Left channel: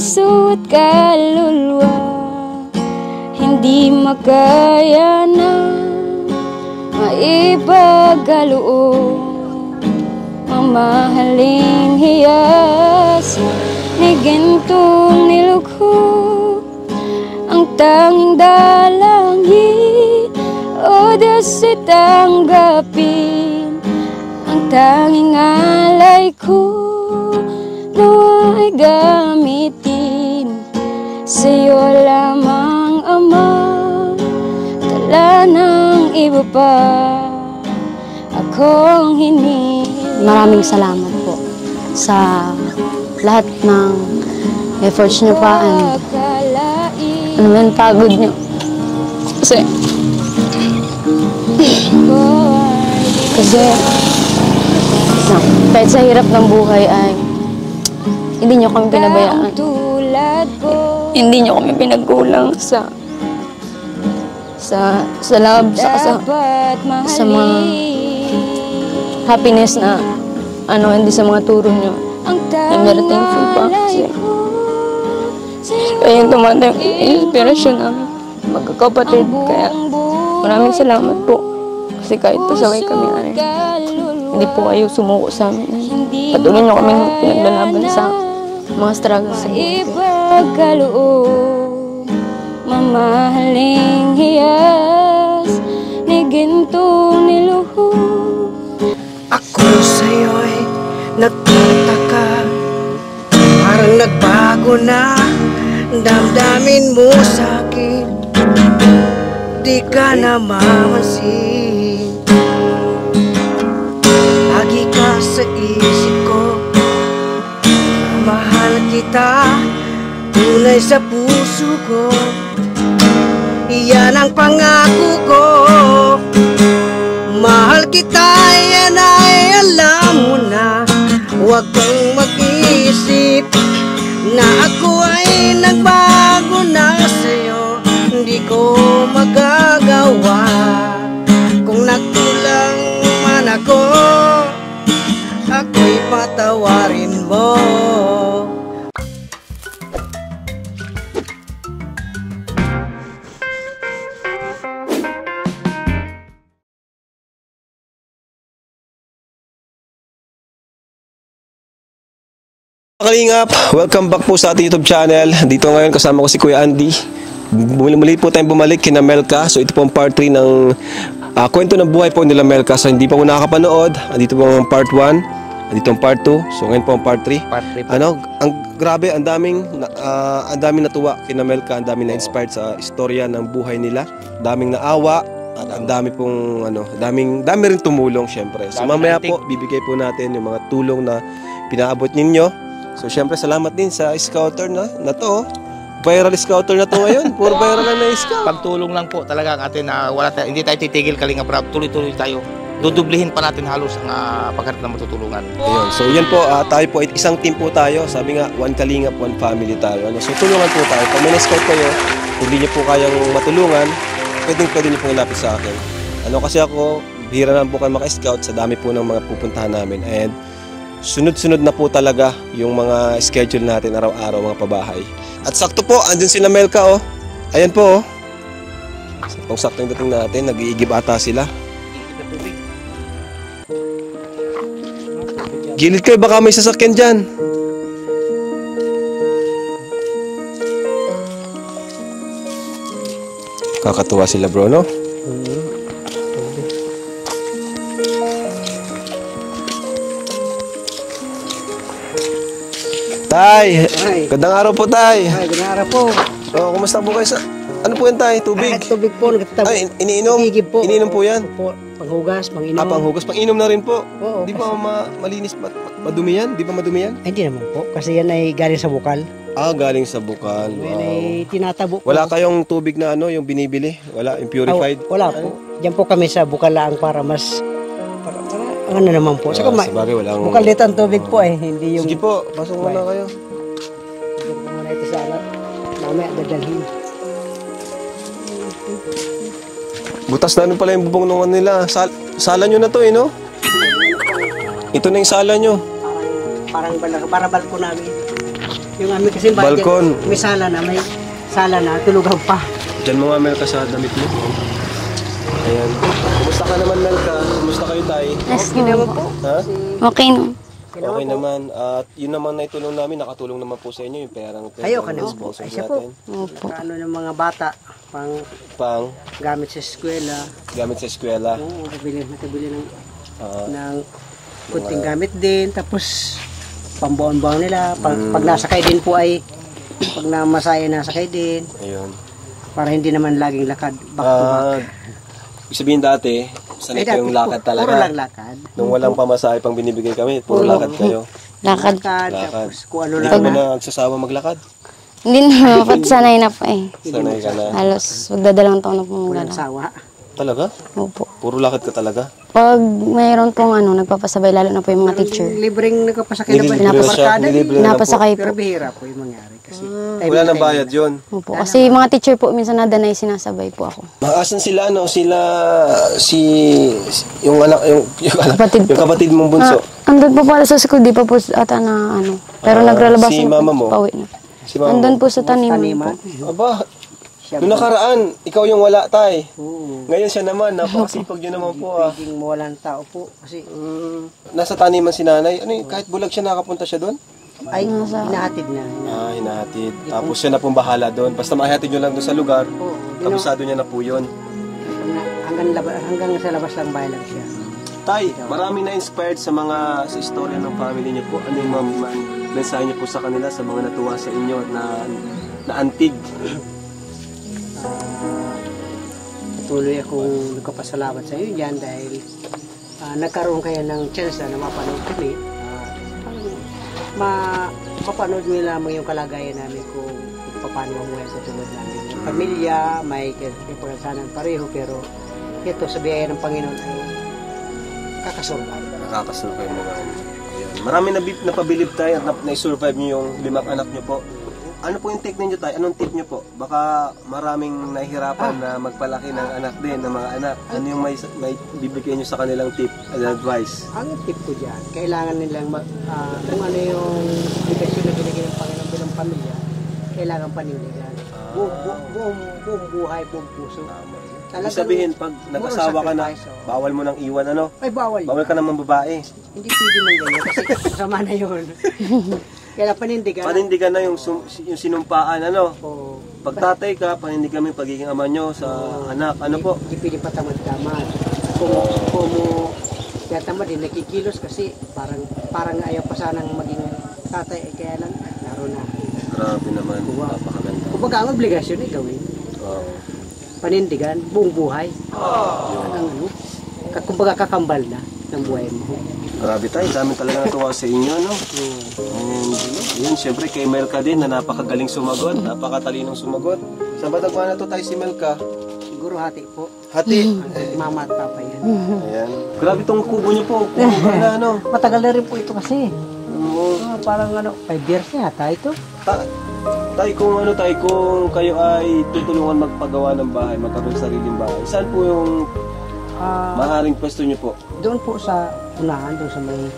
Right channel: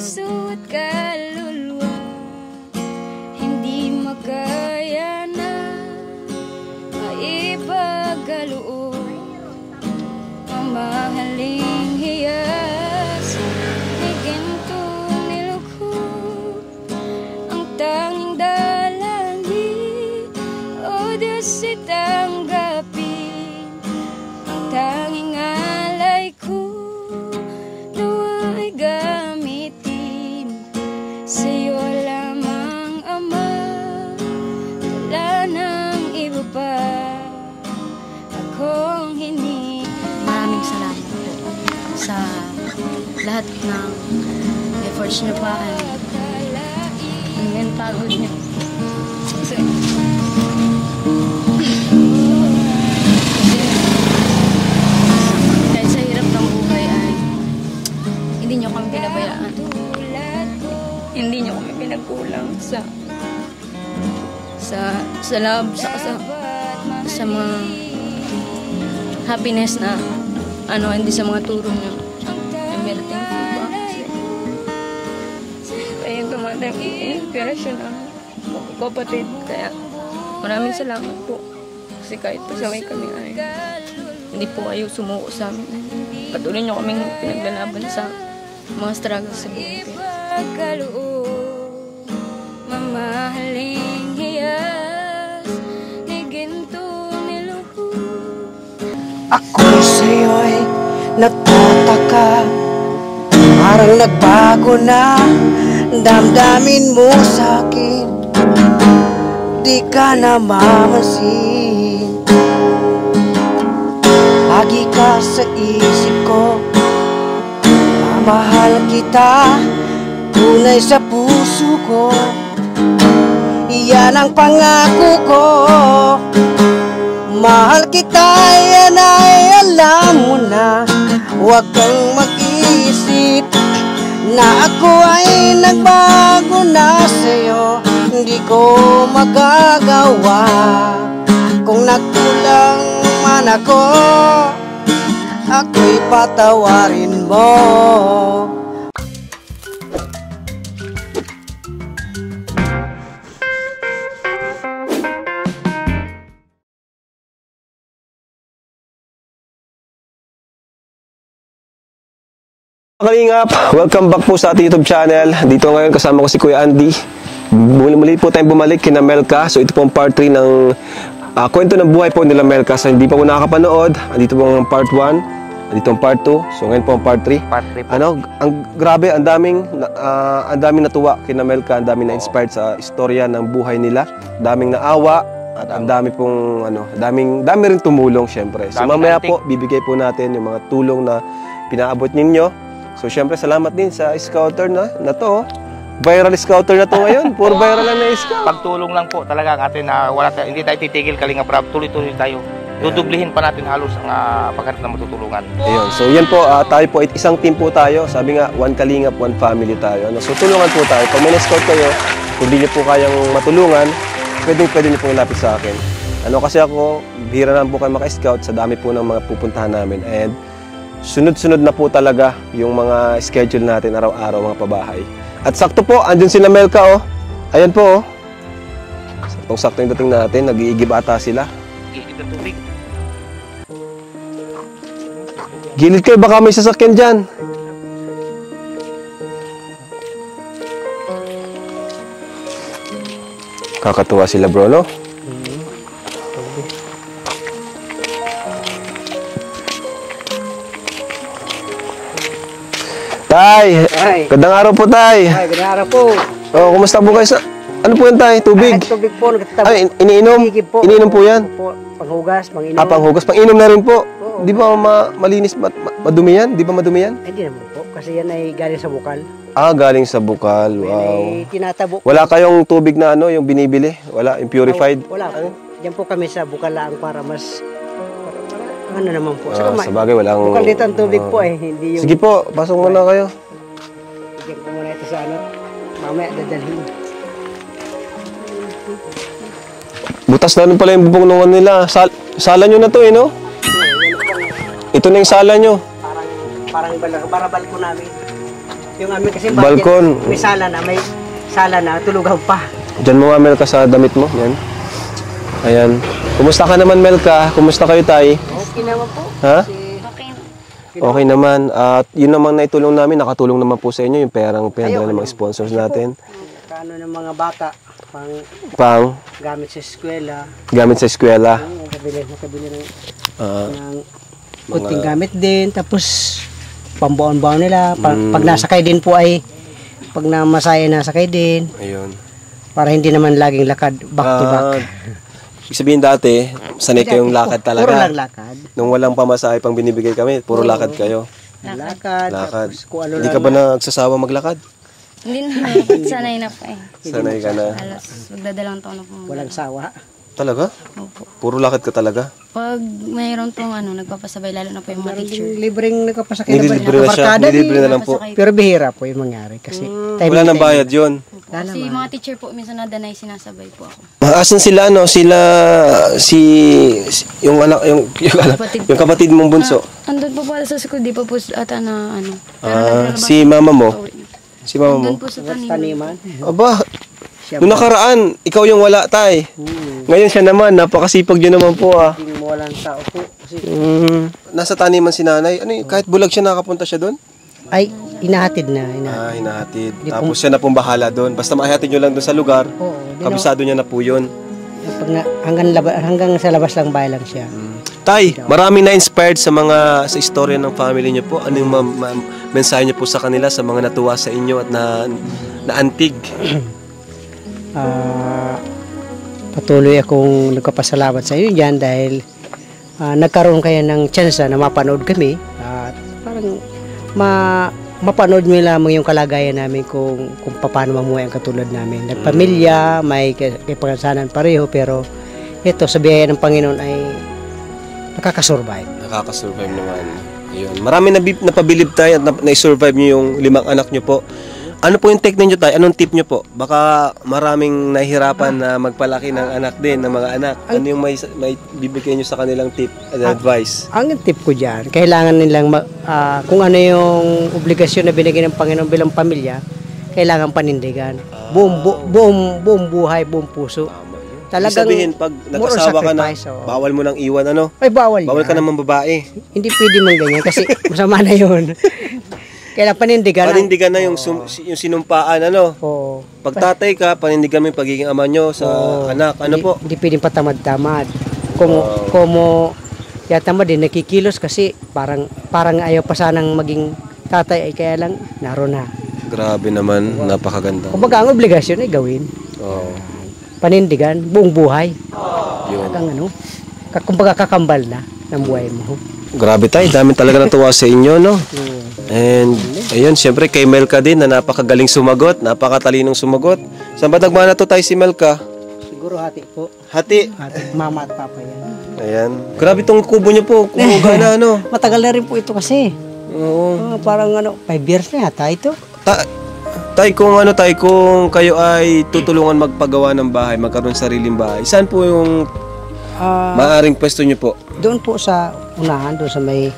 puso't kaluluwa, hindi makaya na maipagkaloob ang mahaling hiyas ni gintong nilugho. Ang tanging dalangin o dasi tanggapin, ang tanging alay ko nawa'y gamitin sa'yo lamang, Ama. Tala ng iba pa akong hini. Maraming salamat po sa lahat ng efforts niyo pa. Ano ba yung pagod niyo? Kasi kahit sa hirap ng buhay ay hindi niyo kami pinabayaan. Hindi niyo kami pinagkulang sa love, sa mga happiness na hindi sa mga turo niyo. I'm very thankful pa kasi kayo yung tumatang inspirasyon namin magkakapatid. Kaya maraming salamat po kasi kahit pasaway kami ay hindi po kayo sumuko sa amin. Patuloy niyo kami pinaglalaban sa mga struggles sa buhay. Ipagkaloob, mamahaling hiyas ni gintong niluho. Ako sa'yo'y nagtataka, parang nagbago na damdamin mo sa'kin, di ka na mamansin. Lagi ka sa isip ko, mamahal kita, tunay sa puso ko, iyan ang pangako ko. Mahal kita, yan ay alam mo na, huwag kang mag-isip na ako ay nagbago na sa'yo. Hindi ko magagawa kung nagkulang man ako, ako'y patawarin mo. Kalingap, welcome back po sa ating YouTube channel. Dito ngayon kasama ko si Kuya Andy. Muli po tayong bumalik kina Melka. So ito po ang part 3 ng kwento ng buhay po nila Melka. So hindi pa po nakakapanood, andito po ang part 1, andito ang part 2. So ngayon po ang part 3. Ang grabe, ang daming natuwa kina Melka, ang daming na-inspired sa istorya ng buhay nila. Daming naawa at ang dami pong dami rin tumulong syempre. So mamaya po bibigay po natin yung mga tulong na pinaabot ninyo. So, syempre, salamat din sa scouter na to. Viral scouter na to ngayon. Puro viral na scout. Pagtulong lang po talaga ang atin na hindi tayo titigil, Kalinga Prab. Tuloy-tuloy tayo. Dudublihin pa natin halos ang pagkat na matutulungan. Ayun. So, yan po. Tayo po, isang team po tayo. Sabi nga, one Kalingap, one family tayo. So, tulungan po tayo. Pag may na-scout kayo, kung hindi niyo po kayang matulungan, pwede niyo po lapit sa akin. Kasi ako, bihira naman po kayo maka-scout sa dami po ng mga pupuntahan namin. And sunod-sunod na po talaga yung mga schedule natin araw-araw, mga pabahay. At sakto po, andun sila Melka, oh. Ayan po, oh. Saktong-sakto yung dating natin, nag-iigib ata sila. Gilid kayo, baka may sasakyan dyan. Kakatuwa sila, bro, no? Tay! Gandang araw po, Tay! Gandang araw po. Oh, kumusta po kayo sa... Ano po yan, Tay? Tubig? Tubig po. Ay, iniinom? Iniinom po yan? Po, panghugas, panginom. Panghugas. Panginom na rin po? Di ba malinis, madumi yan? Di ba madumi yan? Hindi naman po, kasi yan ay galing sa bukal. Galing sa bukal. Wow. May tinatabo. Wala kayong tubig na yung binibili? Wala? Yung purified? Wala po. Diyan po kami sa bukal lang para mas... naman po. Sa bagay, walang... Bukalit ang tubig po ay hindi yung... Sige po, pasok muna kayo. Sige po muna ito sa mamaya dadalhin. Butas namin pala yung bubong nila. Sala nyo na to, no? Ito na yung sala nyo. Parang balko namin. Yung amin kasi Balkon. may sala na, tulugaw pa. Diyan mo nga, Melka, sa damit mo. Yan. Ayan. Kumusta ka naman, Melka? Kumusta kayo, Tay? Mas ginawa po. Ha? Okay no. Okay naman. At yun naman na itulong namin, nakatulong naman po sa inyo yung perang Ayaw, ng mga sponsors natin. Ano ng mga bata, Pang gamit sa eskwela. gamit sa eskwela. Oo, nakabili ng Ah, kunting gamit din. Tapos, pambaon-baon nila. Pag nasakay din po ay, pag namasaya nasakay din. ayun. Para hindi naman laging lakad, back to back. Ibig sabihin dati, sanay kayong lakad talaga. Puro lang lakad. Nung walang pamasahe pang binibigay kami, puro lakad kayo. Lakad. Lakad. Tapos kung ano Hindi lang. ka ba nagsasawa maglakad? Hindi na, pag sanay na pa eh. Sanay ka na. Halos magdadalang taon na po Walang magdala. sawa. Talaga? Opo. Puro lakad ka talaga? Pag mayroon pong nagpapasabay, lalo na po yung mga teacher. Libreng nakapasakay na ba? Nililibre na siya. Nakaparkada Nililibre na lang po. Pinapasakay po. Pero bihira po yung mangyari. Kasi Wala nang bayad yun. Opo. Kasi yung mga teacher po, minsan nadanay, sinasabay po ako. Asan sila, no? Yung anak, yung Kapatid yung kapatid mong bunso. Andun po pala sa school, di pa po ata na Pero naglalabas si po. mama mo? Pauwi na. Si mama Andun mo. po sa taniman. taniman. Aba, nung nakaraan, ikaw yung wala, Tay. Ngayon siya naman, napakasipag yun naman po, ah. Hindi mawalan tao po. Kasi Nasa taniman si nanay. Ano, kahit bulag siya, nakapunta siya doon? ay, inahatid na. Hinahatid. Tapos siya na pong bahala doon. Basta makahatid nyo lang doon sa lugar, Oo. kabisado niya na po yun. Hanggang sa labas lang bahay lang siya. Tay, maraming na-inspired sa istorya ng family niyo po. Ano yung mensahe niyo po sa kanila, sa mga natuwa sa inyo at naantig? Patuloy akong nagpapasalamat sa iyo dyan dahil nagkaroon kayo ng chance na mapanood kami. Parang mapanood mo lamang yung kalagayan namin kung paano mamuhay ang katulad namin. Nagpamilya, may kapangasanan pareho, pero ito sa biyaya ng Panginoon ay nakakasurvive. Nakakasurvive naman. Ayun. Marami napabilib tayo at na-survive niyo yung 5 anak niyo po. Ano po yung technique niyo tayo? Anong tip niyo po? Baka maraming nahihirapan na magpalaki ng anak din, ng mga anak. Ano yung may bibigay niyo sa kanilang tip at advice? Ang tip ko dyan, kailangan nilang kung ano yung obligasyon na binigay ng Panginoon bilang pamilya, kailangan panindigan. Buong buhay, buong puso. Talagang Sabihin, pag more nag-asawa ka na, sacrifice, oo. bawal mo nang iwan, ano? Ay, bawal Bawal ka yan. naman babae. Hindi pwede man ganyan kasi masama na yun. Kailangan panindigan. Panindigan na yung sinumpaan, ano? Oo. Pag tatay ka, panindigan mo yung pagiging ama nyo sa anak. Ano po? Hindi pwedeng patamad-tamad. Kung mo yatamad din, nakikilos kasi parang ayaw pa sanang maging tatay ay kaya lang naroon na. Grabe naman, napakaganda. Kumbaga ang obligasyon ay gawin. Oo. Panindigan, buong buhay. Hanggang kumbaga kakambal na ng buhay mo. Grabe tayo, dami talaga natuwa sa inyo, no? And, ayun, syempre kay Melka din na napakagaling sumagot, napakatalinong sumagot. Saan ba nagmana to tayo si Melka? Siguro hati po. Hati. Mama at papa yan. Ayan. Grabe tong kubo niyo po, kubo na, ano? Matagal na rin po ito kasi. Oo. Parang 5 years na yata ito. Tay, kung kayo ay tutulungan magpagawa ng bahay, magkaroon ng sariling bahay, saan po yung maaring pwesto niyo po? Doon po sa unahan, doon sa may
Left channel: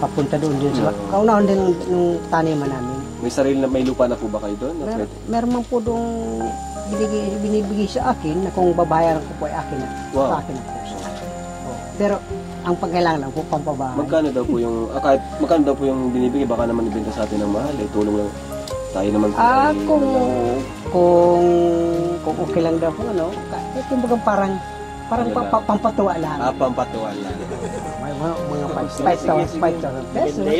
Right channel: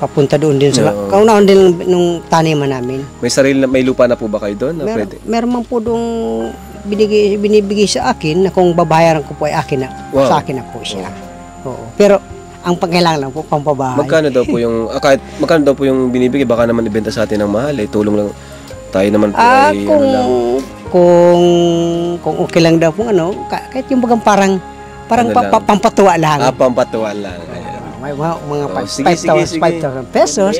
papunta doon din sa kaunahan din nung taniman namin. May lupa na po ba kayo doon? Pwede? Meron man po doon binibigay sa akin na kung babayaran ko po ay akin na, sa akin na po siya. Oo. Pero ang pagkailangan lang po pampabahay. Magkano daw po yung binibigay? Baka naman ibenta sa atin ng mahal, tulong lang. Tayo naman po ay kung okay lang daw po kahit yung bagang parang pampatuwa lang. Pampatuwa lang. Ayan. May mga Sige. 5,000 pesos.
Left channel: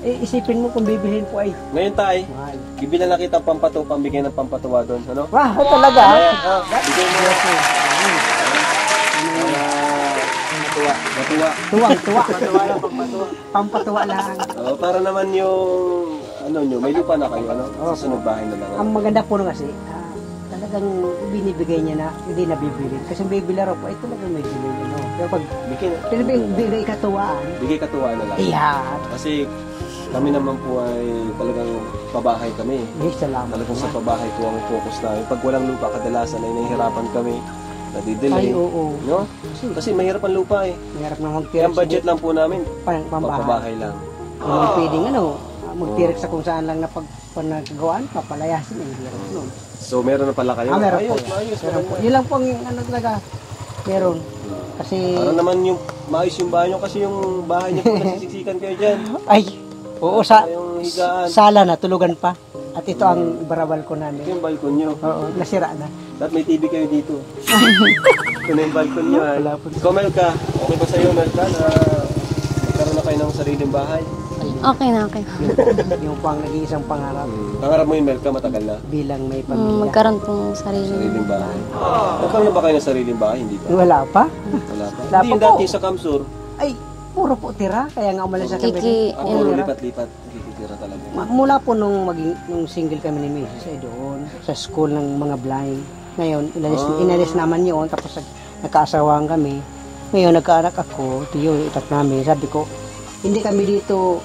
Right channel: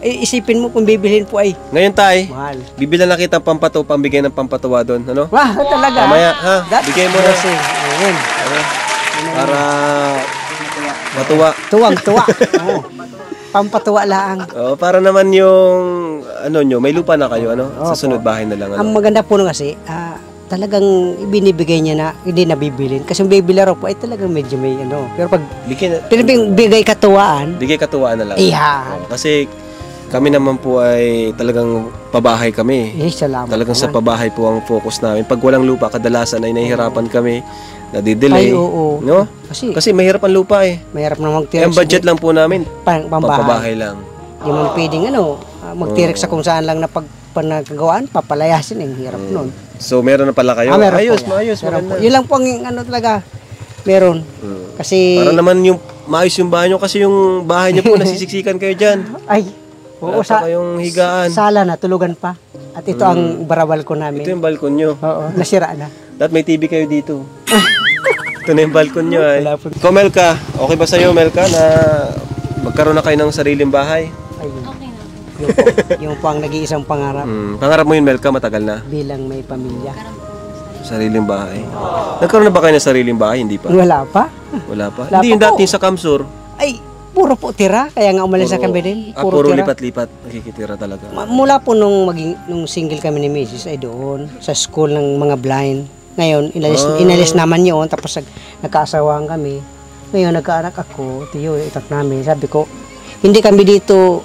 Isipin mo kung bibilhin po ay Ngayon tayo, mahal. bibilan na kita pambigay ng pampatuwa doon, ano? Wah, talaga. Mamaya, ha? Bigay mo na. Para matuwa. Tuwa. Pampatuwa lang. Para naman yung may lupa na kayo, sa sunod bahay na lang, Ang maganda po kasi, talagang binibigay niya na hindi nabibilin. Kasi yung bibili raw po ay talagang medyo may Pero pag bigay katuwaan, bigay katuwaan na lang. Iyan. Kasi kami naman po ay talagang pabahay kami. Salamat. Talagang sa pabahay po ang focus namin. Pag walang lupa, kadalasan ay nahihirapan kami, nadidelay. Ay, oo. No? Kasi mahirap ang lupa eh. Mahirap na magtira. Ang budget lang po namin, Pambahay. pampabahay lang. Yung mga pwedeng magtirik sa kung saan lang na panagawaan, papalayasin, hirap nun. So meron na pala kayo? Meron Ayos, po. maayos, Meron maganda. po. Yun lang po ang ano talaga, meron. Kasi, Para naman yung maayos yung bahay nyo kasi yung bahay nyo po nasisiksikan kayo dyan. ay, oo, Wala pa kayong higaan. sala na, tulugan pa. At ito ang barawal ko namin. Ito yung balkon nyo. Oo, nasira na. Dapat may TV kayo dito. Ito na yung balkon nyo ay. Ikaw Melka, okay ba sa'yo Melka na magkaroon na kayo ng sariling bahay? Okay na, okay. Yung po ang nag-iisang pangarap Pangarap mo yun Melka, matagal na. bilang may pamilya. Magkaroon po ng sarili. Sariling bahay. Nagkaroon na ba kayo ng sariling bahay? Hindi pa? Wala pa? Wala pa? Wala Hindi pa yung po. dati sa Kamsur. Ay, puro po tira. Kaya nga umalis na kami din. Puro tira. lipat-lipat. Nakikitira talaga. Mula po nung single kami ni Mrs. ay doon sa school ng mga blind. Ngayon, inalis naman yun. Tapos nagkaasawaan kami. Ngayon, nagkaanak ako. Ito yun, itak namin. Sabi ko, hindi kami dito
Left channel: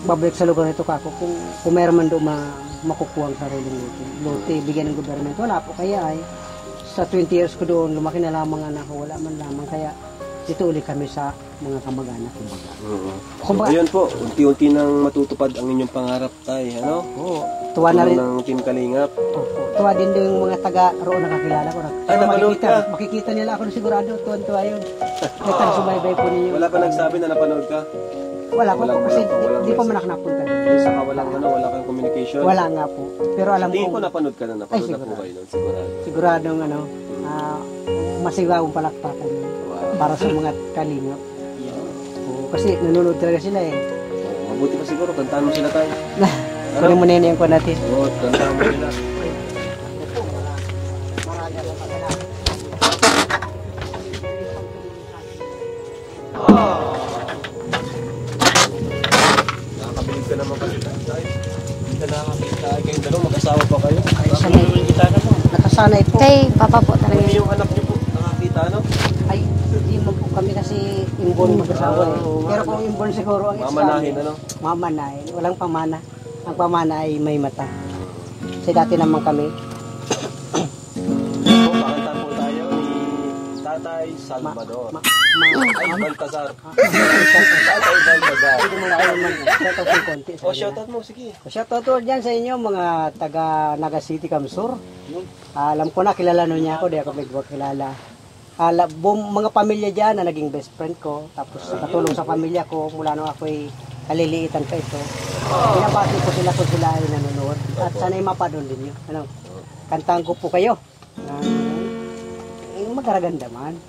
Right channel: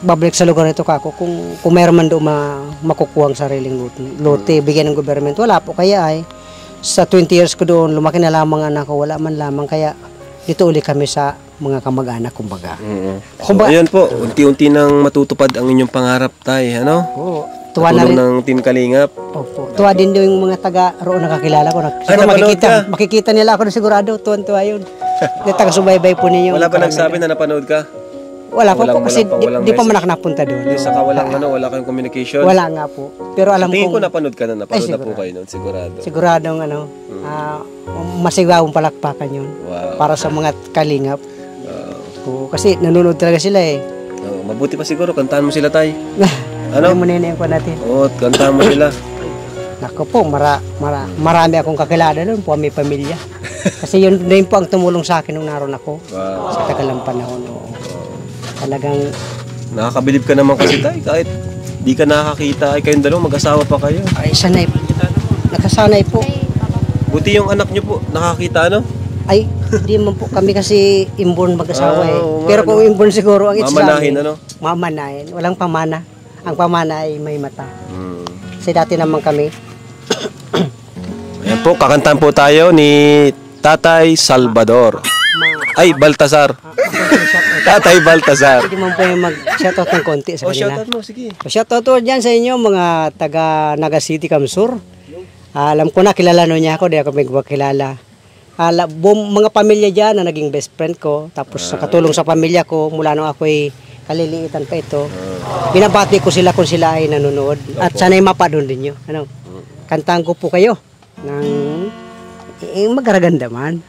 babalik sa lugar nito kako kung meron man doon makukuha ang sariling lote, bigyan ng government. Wala po. Kaya ay, sa 20 years ko doon, lumaki na lamang anak ko. Wala man lamang. Kaya, dito uli kami sa mga kamag-anak, kumbaga. So, ayan po, unti-unti nang matutupad ang inyong pangarap tay, ano? Oo. Tuwa na Tulong rin. ng Team Kalingap. Opo. Tuwa din yung mga taga roon nakakilala ko. Siguro napanood makikita nila ako na sigurado. Tuwan-tuwa yun. Yung taga-subaybay po ninyo. Wala ba nagsabi na napanood ka? Wala pa po kasi walang di pa man message. ako napunta doon. Saka wala kayong communication? Wala nga po. Pero alam Tingin ko ko, napanood ka na, napanood Ay, na po kayo nun, sigurado. siguradong masigawang palakpakan yun. Wow. Para sa mga kalingap. Oo, kasi nanonood talaga sila eh. Mabuti pa siguro, kantahan mo sila tay. Ano mo nila ko natin? Oo, kantahan mo sila. Nako po, marami akong kakilala doon po, may pamilya. Kasi yun din po ang tumulong sa akin nung naroon ako. Wow. Sa kagalang panahon ko. Talagang, Nakakabilib ka naman kasi tay, kahit di ka nakakita, ay kayong dalawa, mag-asawa pa kayo. ay sanay po. Nakasanay po. Kay Papa po talaga. Buti yung anak nyo po, nakakita ano? Ay, di man po kami kasi inborn mag-asawa eh. oo nga, Pero kung inborn siguro ang Mamanahin ano? Mamanahin. Walang pamana. Ang pamana ay may mata. Kasi dati naman kami. Yan po, kakantahan po tayo ni Tatay Salvador. Ay, Baltasar. Tatay Baltasar. Hindi man po yung mag-shoutout ng konti sa Oh, kanila. shoutout mo, sige. Shoutout po dyan sa inyo mga taga Naga City, Kamsur. Alam ko na, kilala no niya ako. Di ako magkilala. Mga pamilya dyan na naging best friend ko. Tapos nakatulong sa pamilya ko mula nung ako'y kaliliitan pa ito. Binabati ko sila kung sila ay nanonood. At sana'y mapadon din nyo. Ano? Kantahan ko po kayo. Magaraganda man.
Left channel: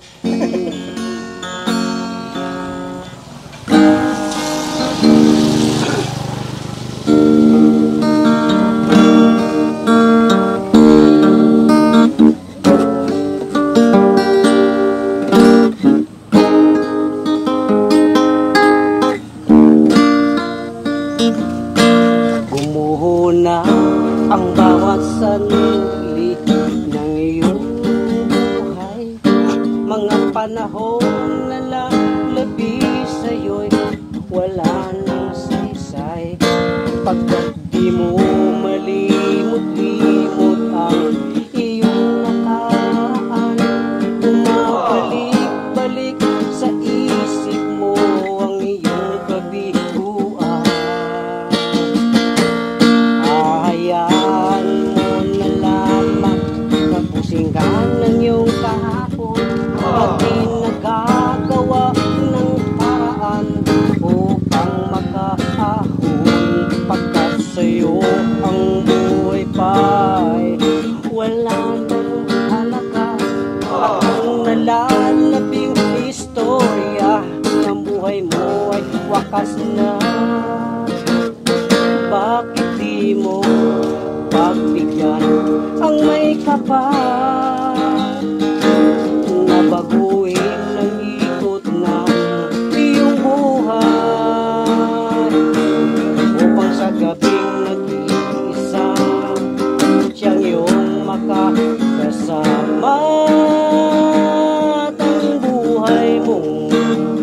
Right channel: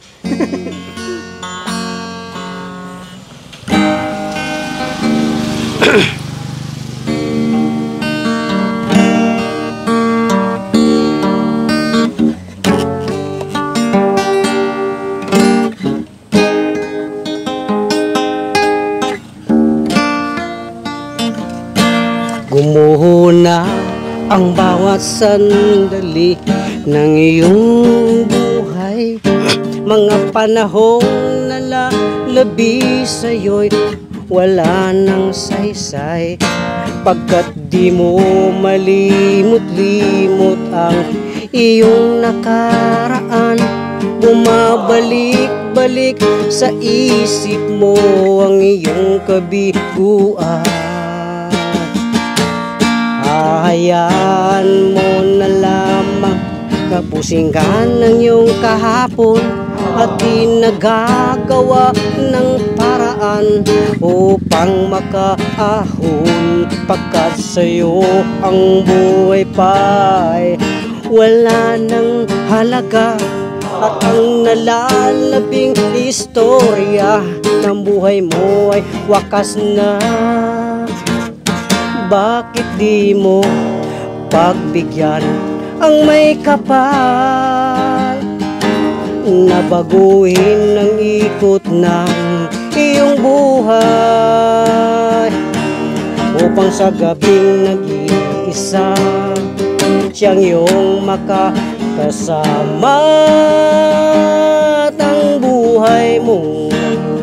Gumuho na ang bawat sandali ng iyong buhay. Mga panahon na lalabi sa'yo'y wala nang saysay. Pagkat di mo malimot-limot ang iyong nakaraan, bumabalik-balik sa isip mo ang iyong kabiguan. Hayaan mo na lamang kapusinggan ng iyong kahapon at nagagawa ng paraan upang makaahon. Pagkat sa'yo ang buhay pa'y wala ng halaga at ang nalalabing istorya ng buhay mo ay wakas na. Bakit di mo pagbigyan ang may kapal na baguhin ang ikot ng iyong buhay, upang sa gabing nag-iisa siyang iyong makakasama at ang buhay mong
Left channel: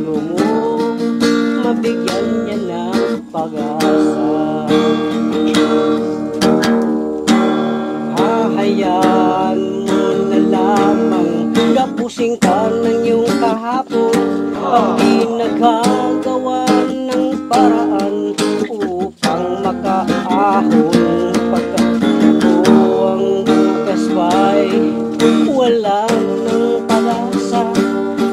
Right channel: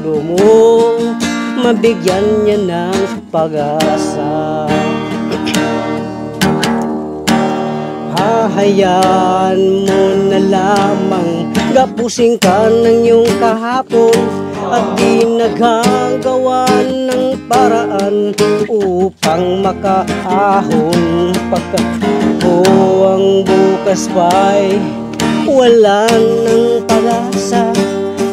lumong mabigyan niya ng pag-asa. Hahayaan mo na lamang tapusin ka ng iyong kahapon at di naghagawa ng paraan upang makaahon. Pagkatapos ang bukas ba'y wala ng pag-asa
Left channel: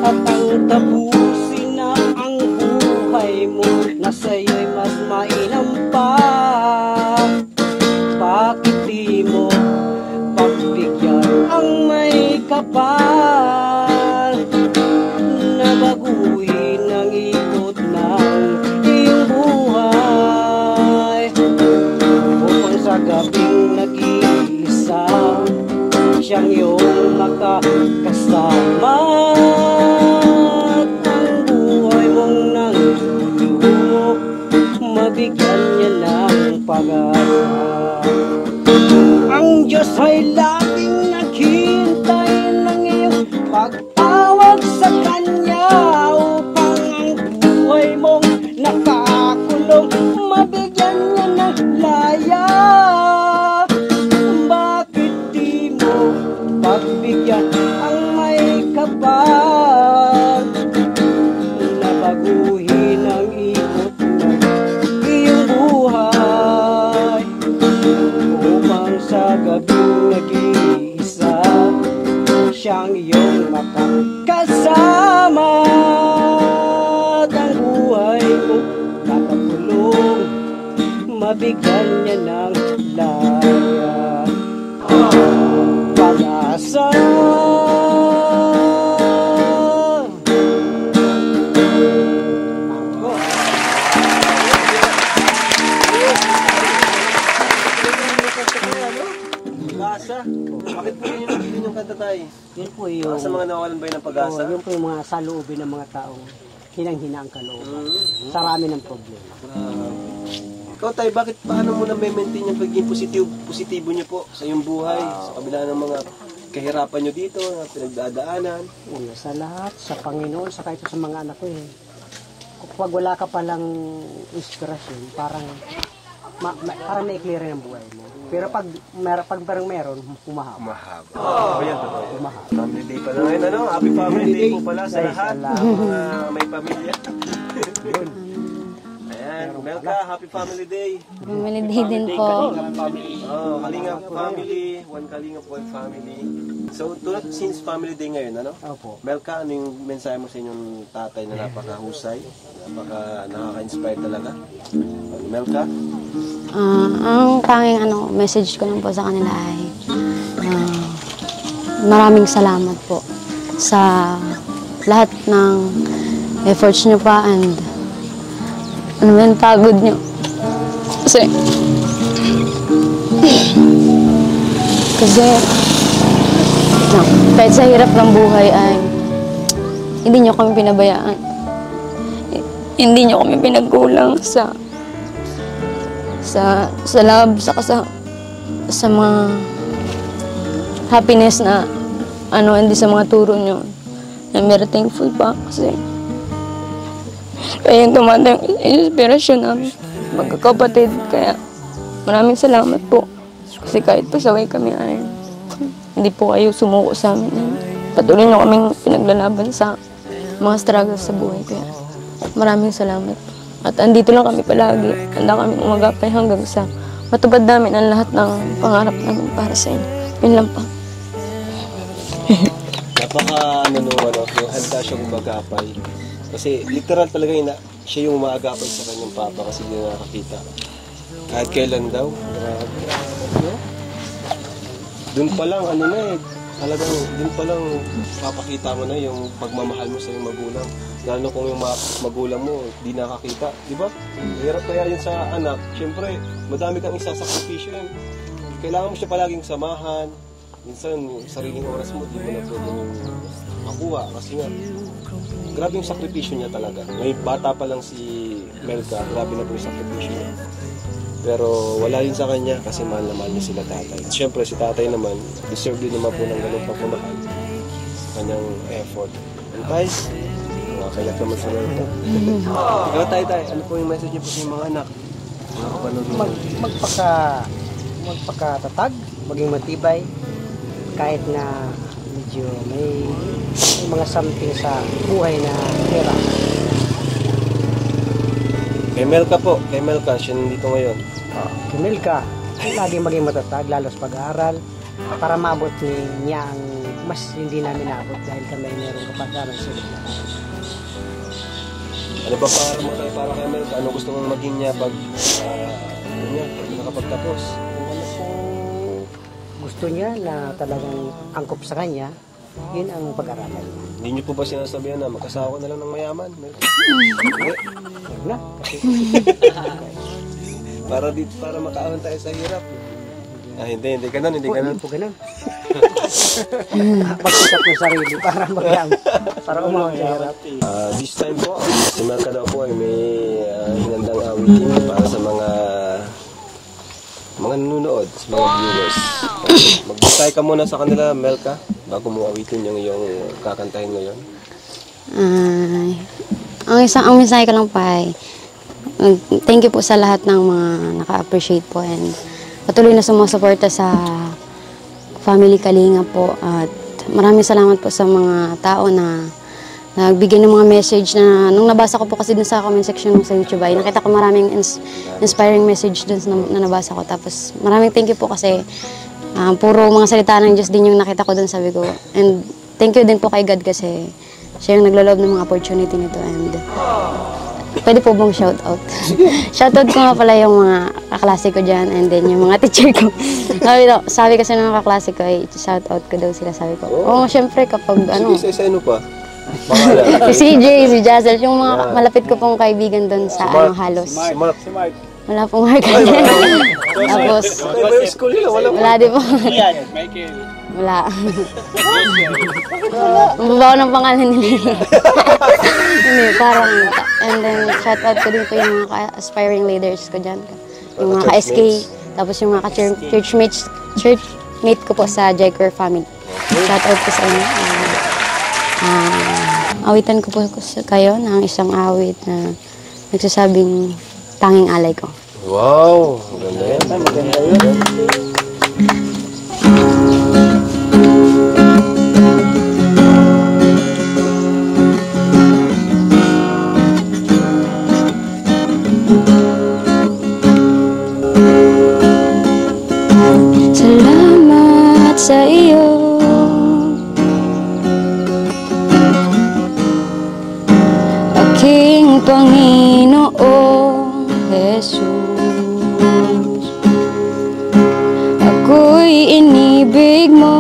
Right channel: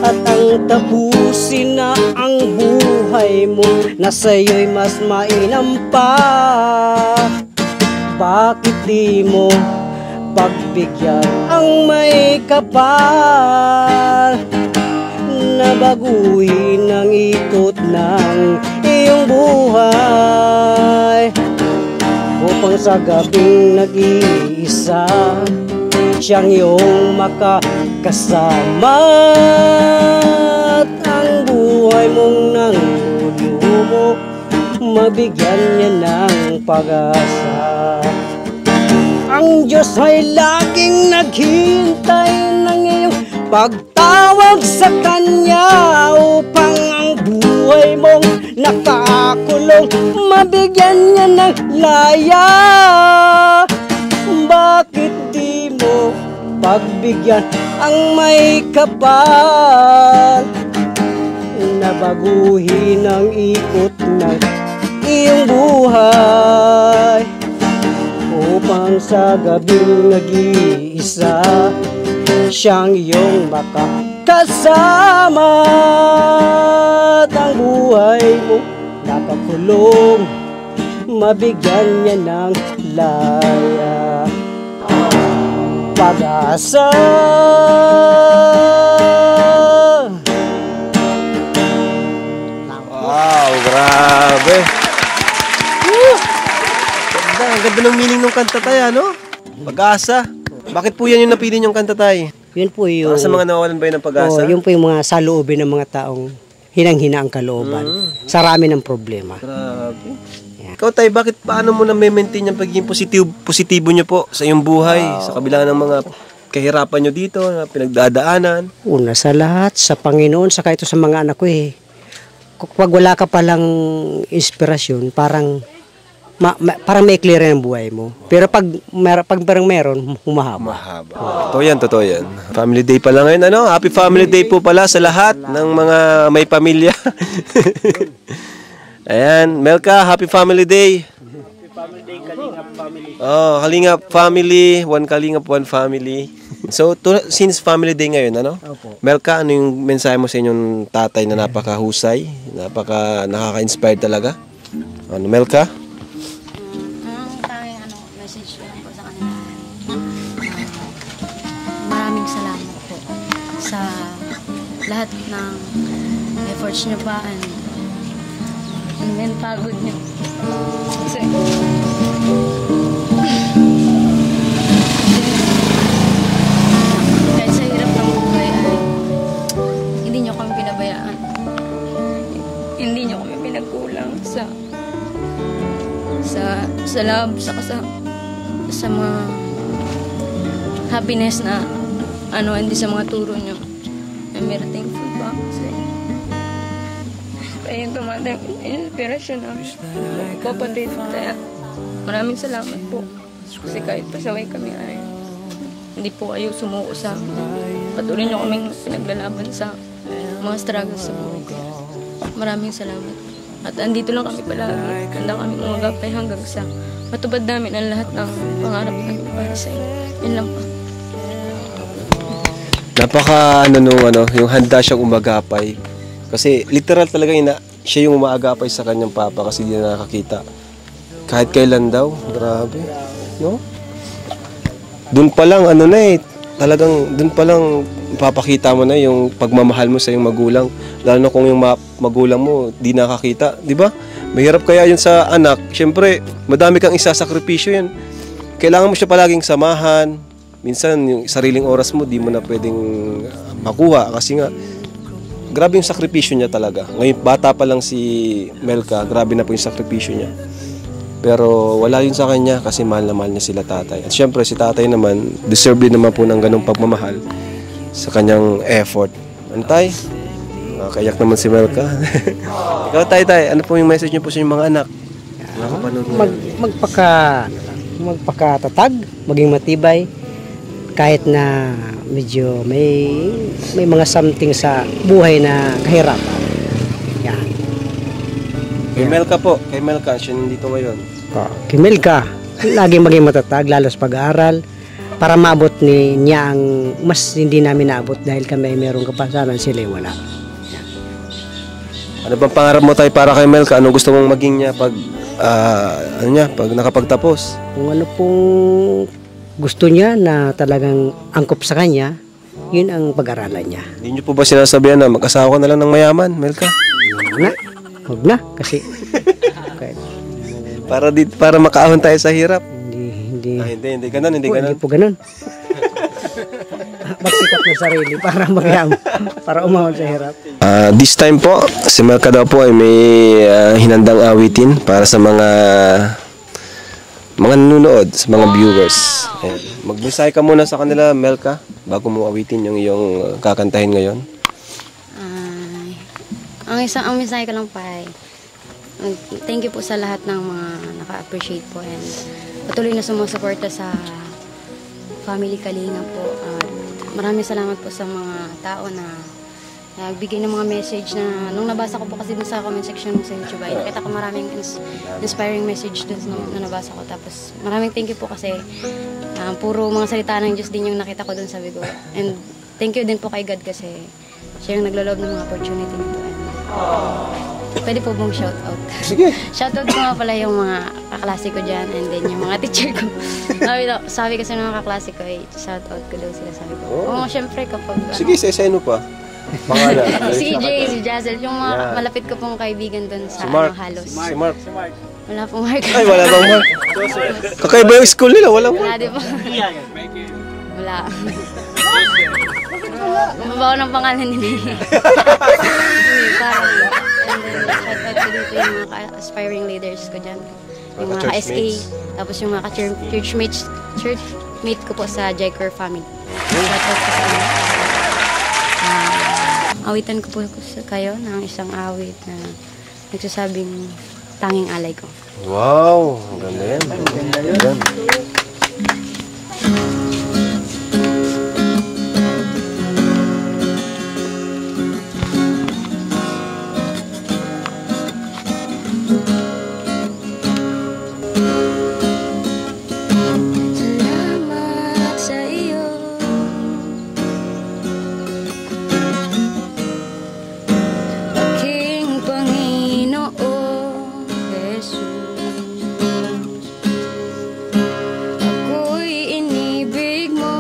at ang tapusin na ang buhay mo na sa'yo'y mas mainam pa. Bakit di mo pagbigyan ang may kapal na baguhin ang ikot ng iyong buhay upang sa gabing nag-iisa siyang iyong makakasama at ang buhay mong nang luluho mabigyan niya ng pag-asa. Ang Diyos ay laging naghintay ng iyong pagtawag sa Kanya upang ang buhay mong nakakulong mabigyan niya ng laya. Bakit di mo pagbigyan ang may kapal na baguhin ang ikot ng iyong buhay upang sa gabing nag-iisa siyang iyong makakasama at ang buhay mo nakakulong mabigyan niya ng laya. Pag-asa. Grabe. Ang ganda ng meaning ng kanta tayo, ano? Pag-asa. Bakit po yan yung napili niyong kanta tayo? Yun po yung... Para sa mga nawalan ba yun ng pag-asa? yun po yung mga saloobin ng mga taong hinang-hina ang kalooban. Sa rami ng problema. Grabe. Ikaw tayo, paano mo na maintain yung pagiging positibo nyo po sa iyong buhay, sa kabila ng mga kahirapan nyo dito, na pinagdadaanan? Una sa lahat, sa Panginoon, saka ito sa mga anak ko eh. Pag wala ka palang inspirasyon, parang may clear ang buhay mo. Pero pag parang meron, humahaba. Totoo yan. Family Day pala ngayon, ano? Happy Family Day po pala sa lahat ng mga may pamilya. Ayan, Melka, Happy Family Day. Family day din po. Oh, Kalingap family, one Kalingap, one family. So, since Family Day ngayon, ano? Melka, ano yung mensahe mo sa inyong tatay na napakahusay, nakaka-inspired talaga? Ano, Melka? Ang tanging message ko lang po sa kanila ay maraming salamat po sa lahat ng efforts nyo pa and pagod nyo. Kasi kahit sa hirap ng buhay ay hindi nyo kami pinabayaan. Hindi nyo kami pinagkulang sa love, sa mga happiness na hindi sa mga turo nyo. I'm very thankful pa kasi kaya yung tumatang inspirasyon namin magkakapatid. Kaya maraming salamat po kasi kahit pasaway kami ay hindi po kayo sumuko sa amin. Patuloy nyo kaming pinaglalaban sa mga struggles sa buhay ko. Maraming salamat. At andito lang kami palagi. Handa kami umagapay hanggang sa matupad namin ang lahat ng pangarap namin para sa inyo. Yun lang pa. Napaka yung handa siyang umagapay. Kasi literal talaga siya yung umaagapay sa kanyang papa kasi hindi na nakakita. Kahit kailan daw. Grabe. No? Doon pa lang talagang doon pa lang papakita mo na yung pagmamahal mo sa iyong magulang. Lalo na kung yung magulang mo di nakakita, di ba? Mahirap kaya yun sa anak. Siyempre, madami kang isasakripisyo yan. Kailangan mo siya palaging samahan. Minsan, yung sariling oras mo, di mo na pwedeng makuha. Kasi nga, grabe yung sakripisyo niya talaga. Ngayon, bata pa lang si Melka, grabe na po yung sakripisyo niya. Pero wala yun sa kanya kasi mahal na mahal niya sila tatay. At syempre, si tatay naman, deserve din naman po ng ganung pagmamahal sa kanyang effort. Antay? Kayak naman si Melka. Ikaw, tay, ano po yung message niyo po sa inyong mga anak? Magpakatatag, maging matibay, kahit na medyo may mga something sa buhay na kahirapan. Yan. Kay Melka po, kay Melka, siya nandito ngayon. Kay Melka, laging maging matatag, lalo sa pag-aaral, para maabot niya ang mas hindi namin naabot dahil kami ay merong kapasaran, sila ay wala. Ano ba pangarap mo tayo para kay Melka? Ano gusto mong maging niya pag, pag nakapagtapos? Kung ano pong gusto niya na talagang angkop sa kanya, yun ang pag-aralan niya. Hindi niyo po ba sinasabihan na mag-asawa ka na lang ng mayaman, Melka? Huwag na, kasi Para makaahon tayo sa hirap. hindi Hindi ganun. hindi po ganun. Magsikap ng sarili para umahon sa hirap. This time po, si Melka daw po ay may hinandang awitin para sa mga nanonood, sa mga viewers. Mag-desay ka muna sa kanila, Melka, bago mo awitin yung iyong kakantahin ngayon. Ang mensahe ko lang pa ay, thank you po sa lahat ng mga naka-appreciate po and patuloy na sumusuporta sa Family Kalinga po. At maraming salamat po sa mga tao na nagbigay ng mga message na nung nabasa ko po kasi dun sa comment section sa YouTube ay nakita ko maraming inspiring message dun na nabasa ko. Tapos maraming thank you po kasi puro mga salita ng Diyos din yung nakita ko dun, sabi ko. And thank you din po kay God kasi siya yung naglaloob ng mga opportunity nito. And pwede po bang shoutout? Shoutout ko nga pala yung mga kaklase ko dyan and then yung mga teacher ko. Sabi kasi ng kaklase ko ay shoutout ko daw sila, sabi ko. Oo, syempre kapag Sige, sa ano pa? si CJ, si Jazel, yung mga malapit ko pong kaibigan doon sa halos. Si Mark. Wala pong Mark. Tapos, Kakaiba yung school nila, wala. wala din po. Wala. Babaw ng pangalan nila. Hindi, parang, and then shout out ko dito yung mga aspiring leaders ko dyan. Yung mga ka-SK, tapos yung mga churchmate ko po sa Jacker family. Shout out ko sa inyo. Awitan ko po kayo ng isang awit na nagsasabing tanging alay ko. Wow! Maganda yun. Salamat sa iyo, aking Panginoong Jesus. Ako'y inibig mo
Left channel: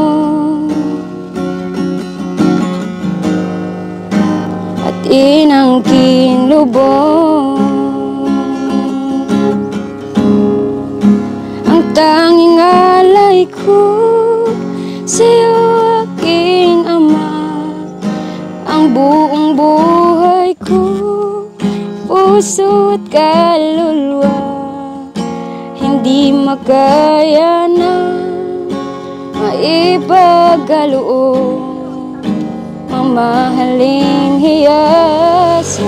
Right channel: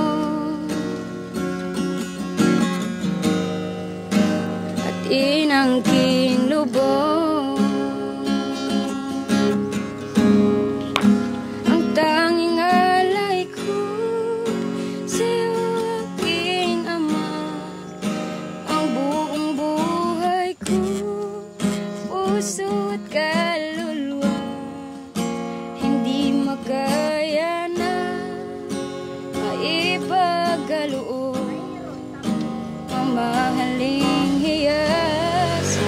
at inangking lubong. Ang tanging alay ko sa'yo, aking Ama, ang buong buhay ko, puso at kaluluwa, hindi makaya na maipagkaloob ang mahaling hiyas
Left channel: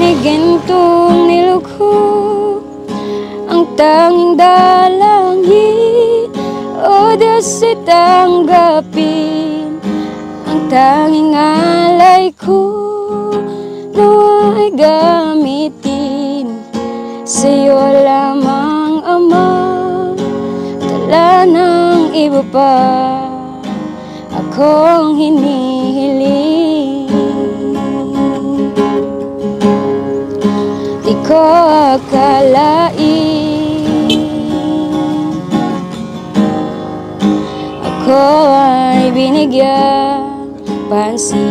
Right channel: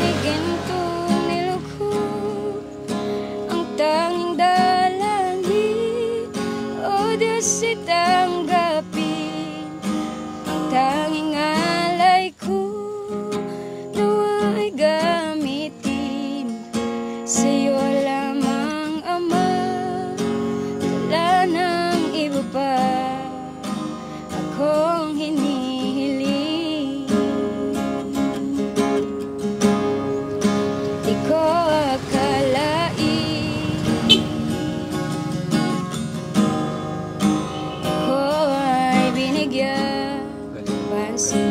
ni gintong nilugho. Ang tanging dalangin o Diyos tanggapin, ang tanging alay ko nawa'y gamitin sa'yo lamang, Ama, tala ng iba pa akong hinihiling. Di ko akalain ako ay binigyan pansin.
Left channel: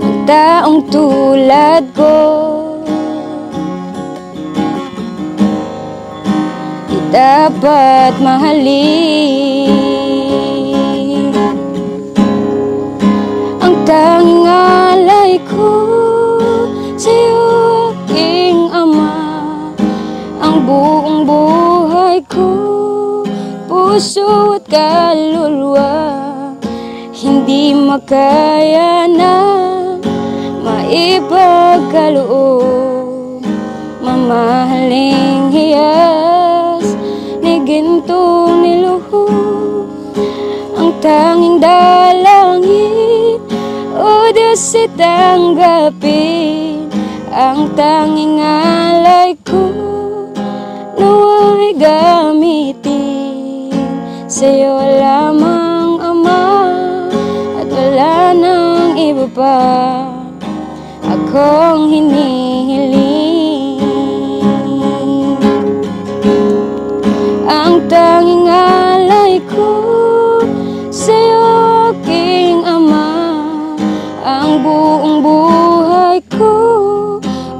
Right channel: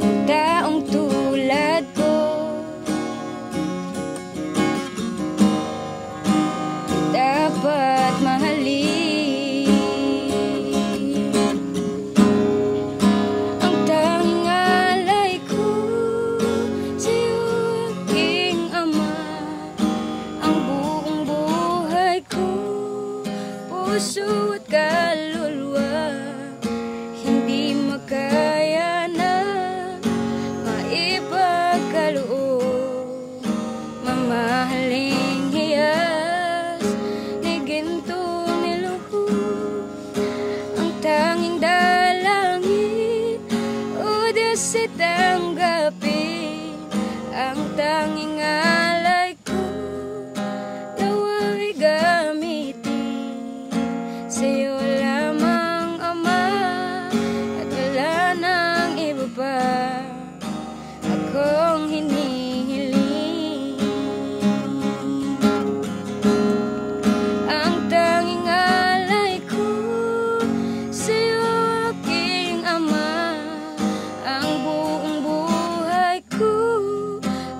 Ang taong tulad ko di dapat mahalin. Ang tanging alay ko sa'yo, aking Ama, ang buong buhay ko, puso at kaluluwa, hindi makaya na maipagkaloob mamahaling hiyas ni gintong nilugho. tanging alay ko nawa'y gamitin sa'yo lamang, Ama, at wala nang iba pa akong hinihiling. Ang tanging alay ko sa'yo, aking Ama, ang buong buhay ko,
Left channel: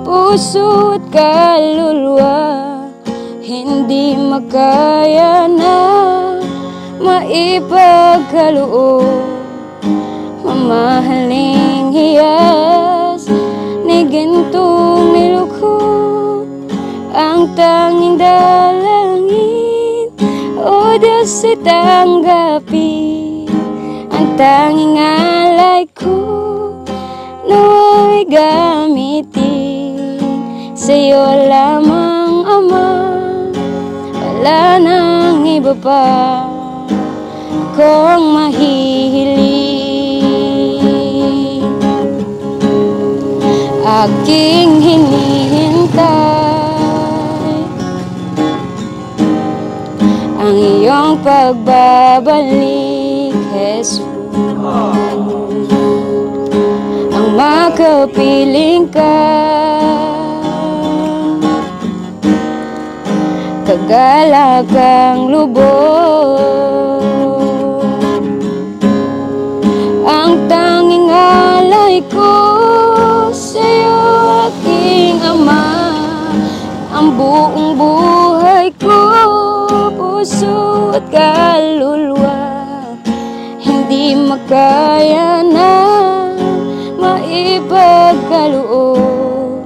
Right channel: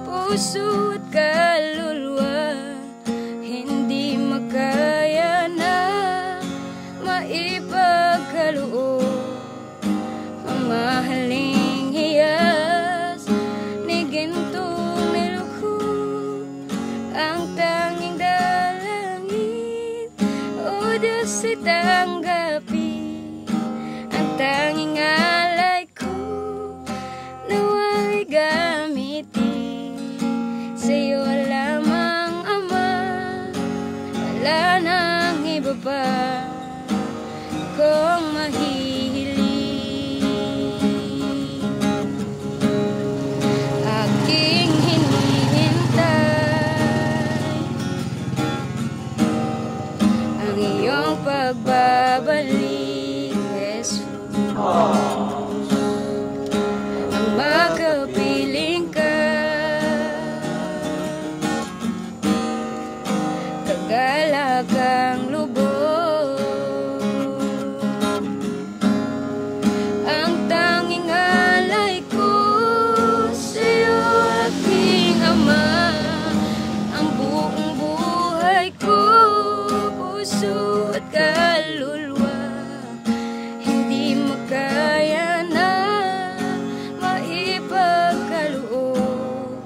puso at kaluluwa, hindi makaya na maipagkaloob. Mamahaling hiyas ni gintong nilukhod, ang tanging dalangin, o Diyos, ay tanggapin ang tanging alay ko, nawa'y gamitin sa'yo lamang, Ama, wala nang iba pa akong mahihiling. Aking hinihintay ang iyong pagbabalik, Jesus, ang makapiling ka, kagalakang lubos, ang tanging alay ko sa'yo, aking Ama, ang buong buhay ko, puso at kaluluwa, hindi makaya na maipagkaloob.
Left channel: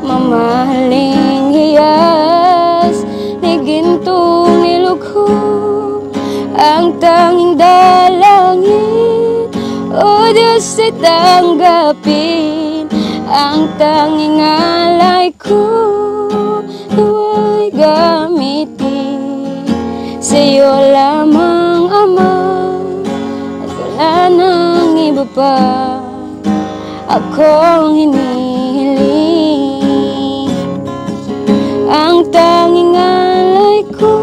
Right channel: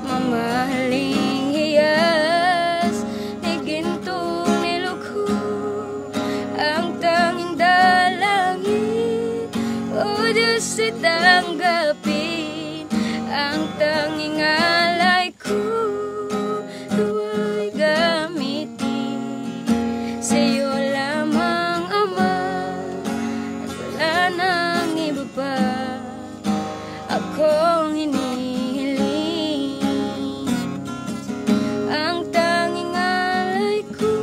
Mamahaling hiyas ni gintong nilukhod, ang tanging dalangin, o Diyos, ay tanggapin ang tanging alay ko, nawa'y gamitin sa'yo lamang, Ama, at wala nang iba pa akong hinihiling. Ang tanging alay ko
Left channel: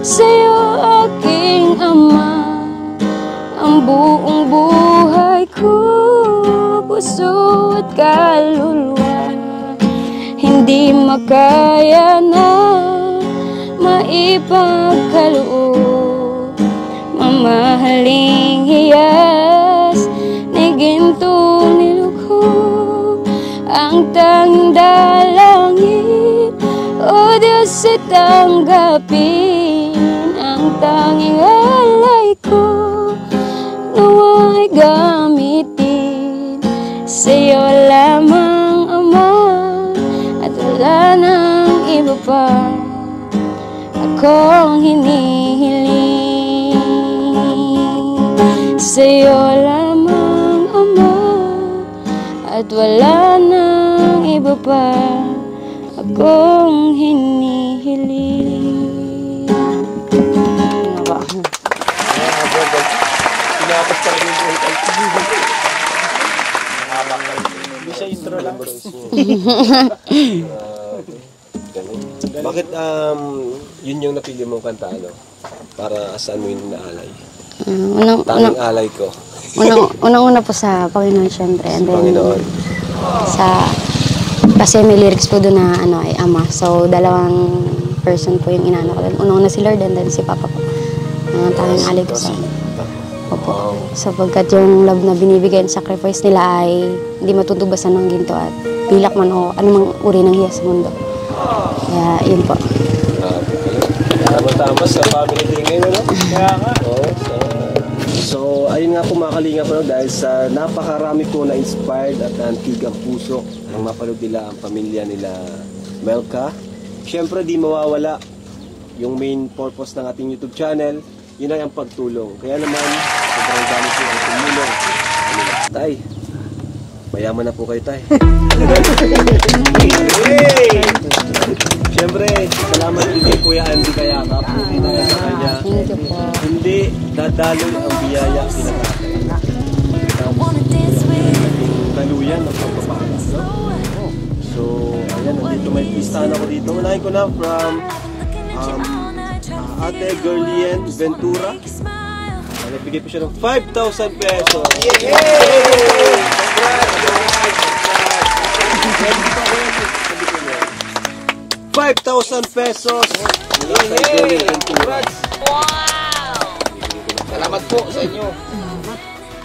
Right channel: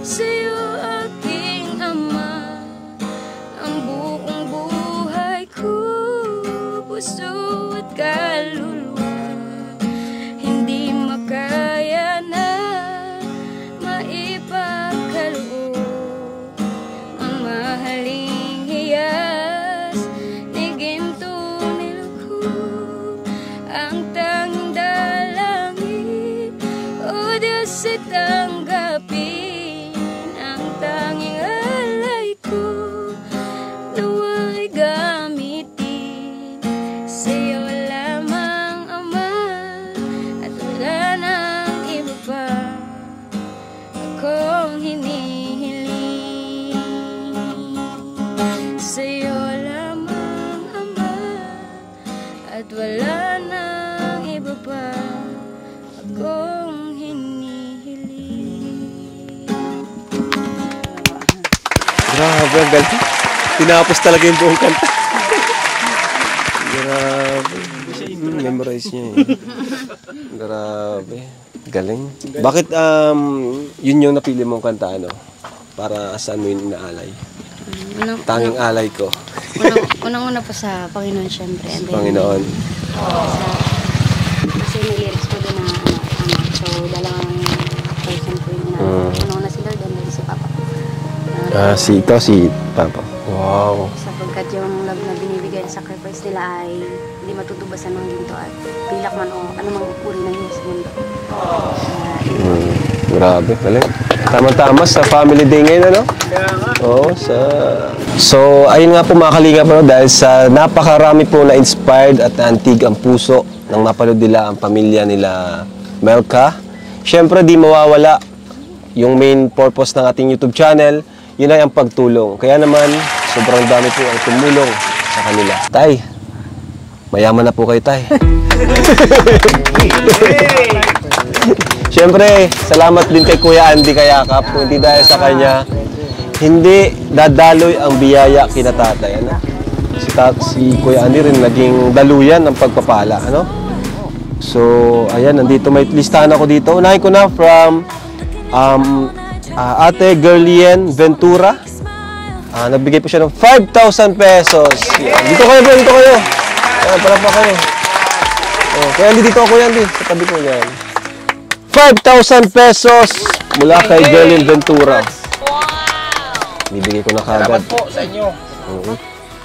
sa'yo, aking Ama, ang buong buhay ko, puso at kaluluwa, hindi makaya na maipagkaloob. Mamahaling hiyas ni gintong nilukhod, ang tanging dalangin, o Diyos, ay tanggapin ang tanging alay ko, nawa'y gamitin sa'yo lamang, Ama, at wala nang iba pa akong hinihiling. Sa'yo lamang, Ama, at wala nang iba pa akong hinihiling. Grabe, ang galing. Pinapos talaga yung buong kanta. Grabe. Memorize niya eh. Grabe. Galing. Bakit yun yung napili mong kanta, ano? Para saan mo yung naalay? Tanging alay ko. Unang-una po sa Panginoon, syempre. And then, Panginoon. Kasi may lyrics po doon na ay Ama. So, dalawang person po yung inaano. Unang-una si Lord and then si Papa po. Si Papa. Wow. Sapagkat yung love na binibigay at sacrifice nila ay hindi matutubasan ng ginto at pilak man o anumang uri ng hiya sa mundo. Kaya yun po. Grabe, galing. Tama-tama sa family day ngayon, ano? Kaya nga. Oo, So, ayun nga po mga kalinga po, dahil sa napakarami po na inspired at antig ang puso nang mapanood nila ang pamilya nila Melka. Siyempre, di mawawala yung main purpose ng ating YouTube channel, yun ay ang pagtulong. Kaya naman, sobrang dami po ang tumulong sa kanila. Tay, mayaman na po kayo, Tay. Siyempre, salamat din kay Kuya Andy Kayakap. Kung di dahil sa kanya, hindi dadaloy ang biyaya kina tatay. Ano? Si Kuya Andy rin naging daluyan ng pagpapala. Ano? So, ayan, nandito may listahan ako dito. Unahin ko na from Ate Gerlien Ventura. Nagbigay po siya ng 5,000 pesos. Dito kayo, dito kayo. Parang pa kayo. Kaya dito ako yan, sa tabi ko yan. 5,000 pesos mula kay Gerlien Ventura. Wow! Ibigay ko na kagad. Salamat po sa inyo.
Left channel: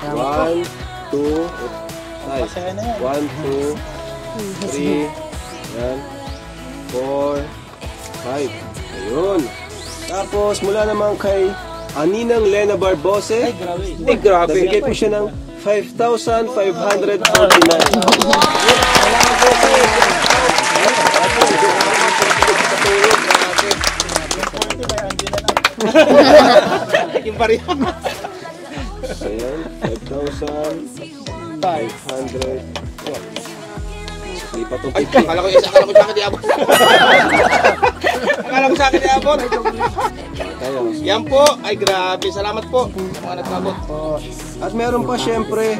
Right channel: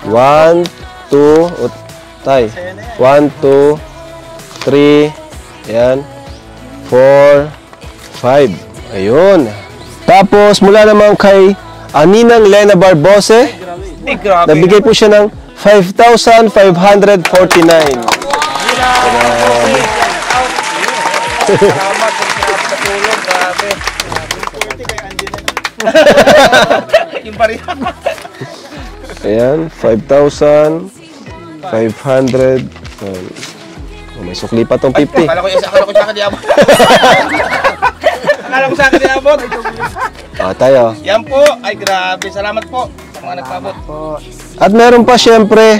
1, 2, tay. 1, 2, 3, ayan, 4, 5. Ayun. Tapos, mula naman kay Ninang Lena Barbose, nabigay po siya ng 5,549. Ayan, 5,500. May sukli pa tong 50. Akala ko yung sa akin diabot. Akala ko sa akin diabot. Tayo. Yan po. Ay, grabe. Salamat po. Mga nagpabot. At meron pa syempre,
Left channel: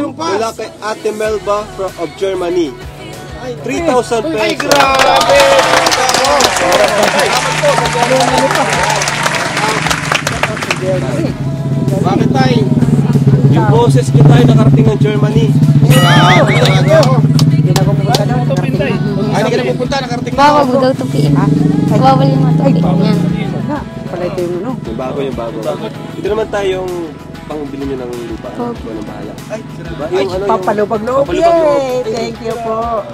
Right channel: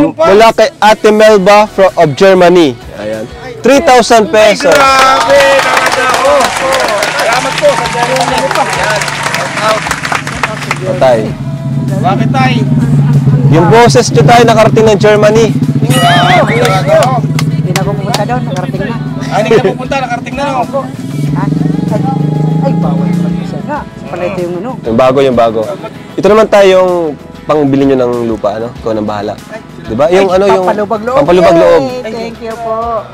mula kay Ate Melba of Germany. Ayan. 3,000 pesos. Tay. Bakit tayo? Yung boses nyo tayo nakarating ng Germany. Hindi na ako pupunta doon, nakarating na. Ay, hindi ka pupunta. Nakarating na ako. Bugaw to piin. Bawal yung Ay, bawal. Na, pala ito yung ano. Yung bago. Ito naman tayo yung pangbili nyo ng lupa, ano? Ikaw nang bahala. Diba? Yung ano yung... Pampalubag-loob. Pampalubag-loob. Yay! Thank you po.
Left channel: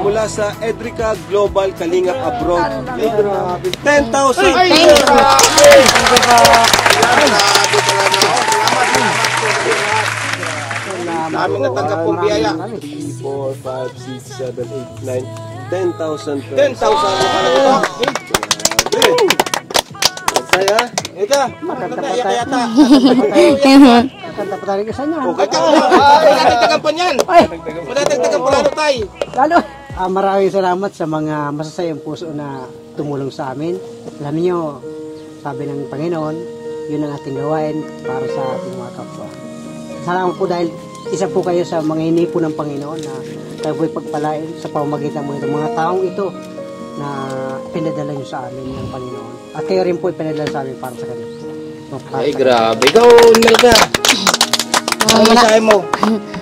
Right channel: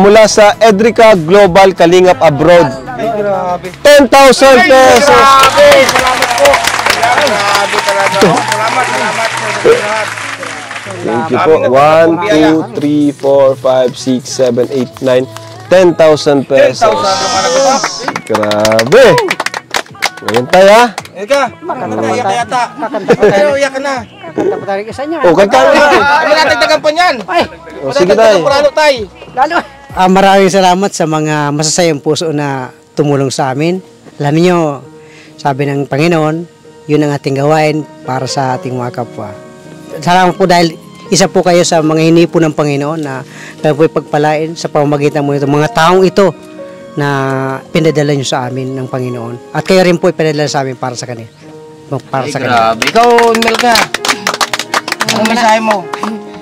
Mula sa Edrica Global Kalingap Abroad. 10,000 pesos! Thank you po. 1, 2, 3, 4, 5, 6, 7, 8, 9, 10,000 pesos. Grabe! Ayan tayo ha. Ika. Makanta yata. Kanta pa tayo isa niya. Kanta na. Wala nagdagan pa niyan. Sige tayo. Wala tayo. Lalo. Maraming salamat sa mga masasayang puso na tumulong sa amin. Alam niyo, sabi ng Panginoon, yun ang ating gawain para sa ating mga kapwa. Salamat po dahil isa po kayo sa mga hinipo ng Panginoon na tayo po ipagpalain sa pamamagitan mo nito. Mga taong ito na pinadala nyo sa amin ng Panginoon. At kayo rin po ipinadala sa amin para sa kanila. Para sa kanila. Grabe. Ikaw, Melka. Ang mensahe mo?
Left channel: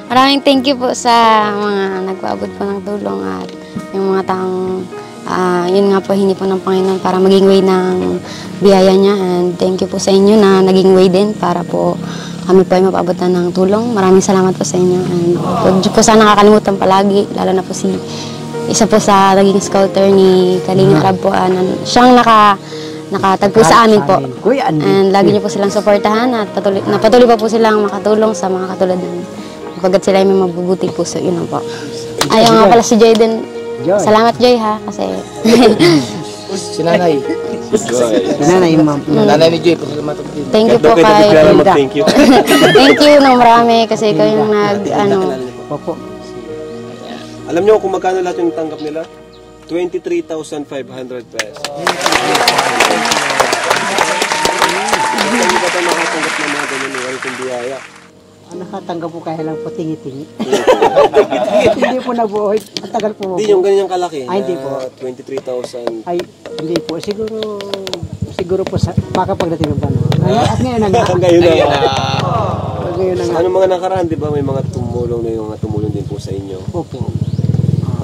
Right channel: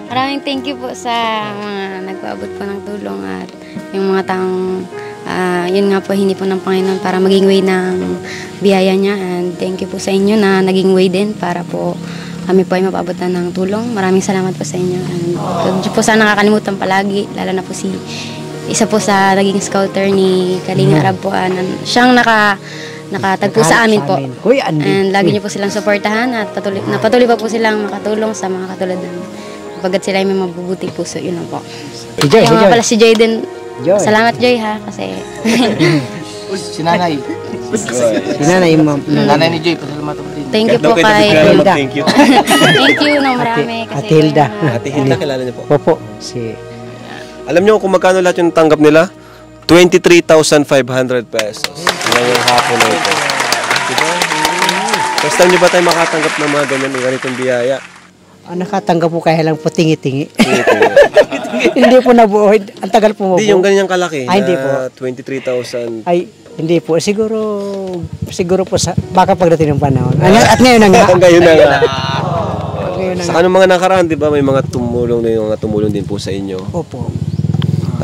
Maraming thank you po sa mga nagpaabot po ng tulong at yung mga taong yun nga po, hindi po ng Panginoon para maging way ng biyaya niya. And thank you po sa inyo na naging way din para po kami po ay mapaabotan ng tulong. Maraming salamat po sa inyo. And po sana nakakalimutan palagi, lalo na po si isa po sa naging scouter ni Kalinga Arab po. Siyang nakatagpo sa amin po. And lagi niyo po silang suportahan at patuloy pa po silang makatulong sa mga katulad namin. Pagkat sila ay may mabubuting puso, yun lang po. Ayaw nga pala si Joy din. Salamat Joy ha, kasi... Si Nanay. Si Nanay, ma'am. Nanay ni Joy, pasalamatan din. Thank you po kay Hilda. Thank you. Thank you ng marami kasi ikaw yung Kilala niyo po. Opo. Alam niyo kung magkano lahat yung tanggap nila? 23,500 pesos. Basta niyo ba tayo makatanggap ng mga ganyan ng ganitong biyaya? Nakatanggap po kaya lang po tingi-tingi. Hindi po nabuhay. Ang tagal po mo. Hindi, yung ganyang kalaki Ay, hindi po. na 23,000. Ay, hindi po. Siguro po baka pagdating ng panahon. At ngayon na nga. Ngayon na nga. Ngayon na Sa nga. anong mga nakaraan, di ba, may mga tumulong na yung mga tumulong din po sa inyo. Opo.